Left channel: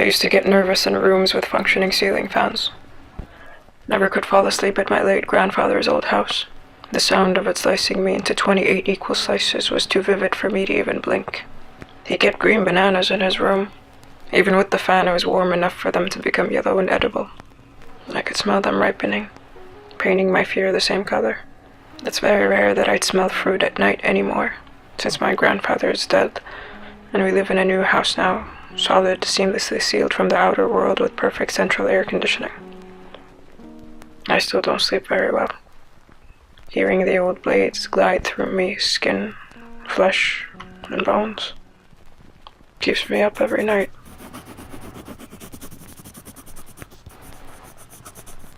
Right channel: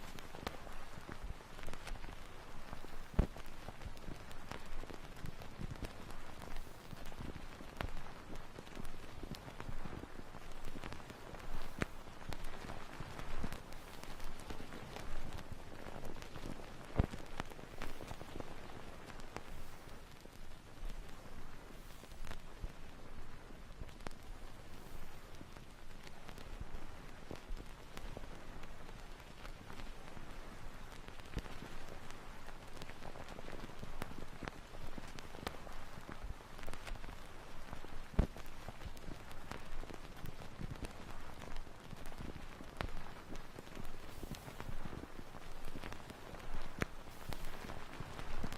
I used to get nervous in rooms with functioning ceiling fans. Never could fall asleep at my late grandfather's old house. The sound of it slicing me into 28 equal slices was too vivid for me to even blink. He kept green bananas in his room. Even with the fan, it was warm enough for them to become yellow and edible. I could smell them ripening, painting my fear the same color. It's very rare that I'd smell fruit at night anymore, since my grandfather is dead, and we live in a new house now, solid, seamlessly sealed from the outer world with perfect central air conditioning. I still don't sleep very well. Hearing the old blades glide through me, skin, flesh, and bones, keeps me up every night.